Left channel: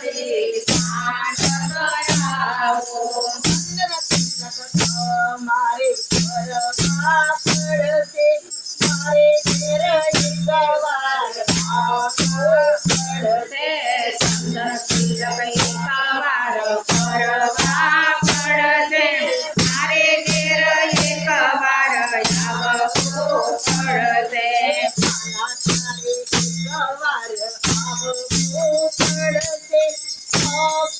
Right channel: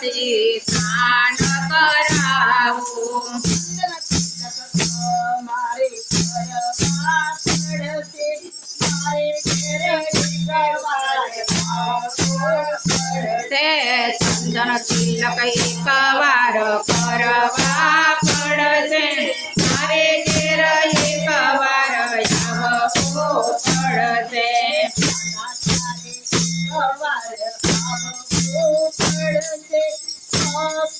માતાજી સ્નાન કરાવો મારે કરવા પડશે મારે પડશે ચંદન તિલક એકવાર કરવા પડશે મારે તેર એકવાર આવવો પડશે એકવાર ます。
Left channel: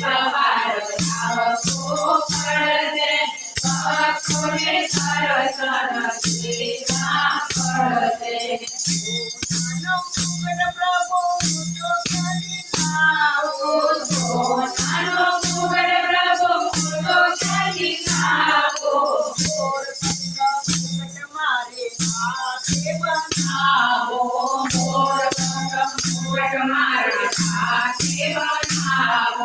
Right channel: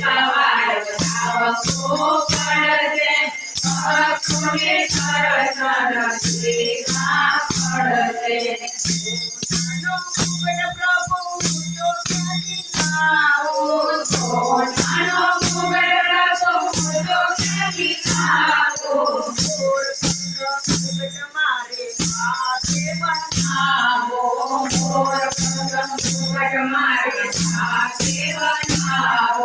power, powerful.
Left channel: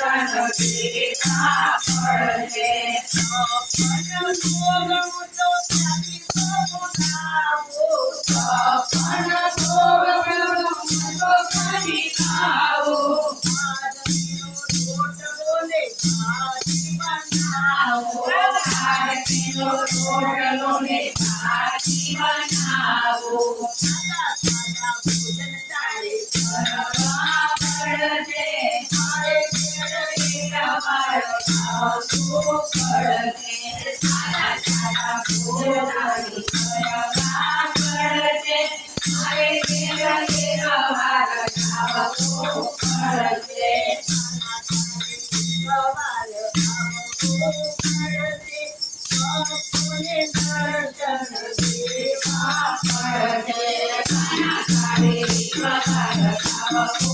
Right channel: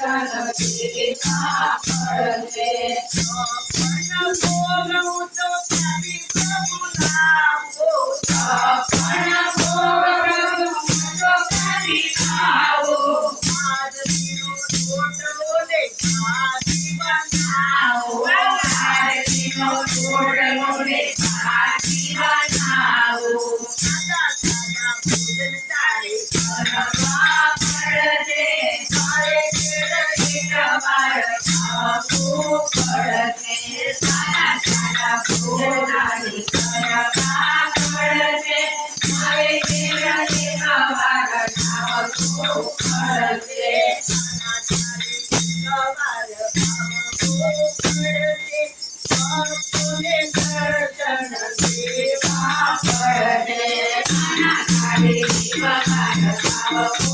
સપન ભોગવું તો તારી પ્રભુ નાવું સપન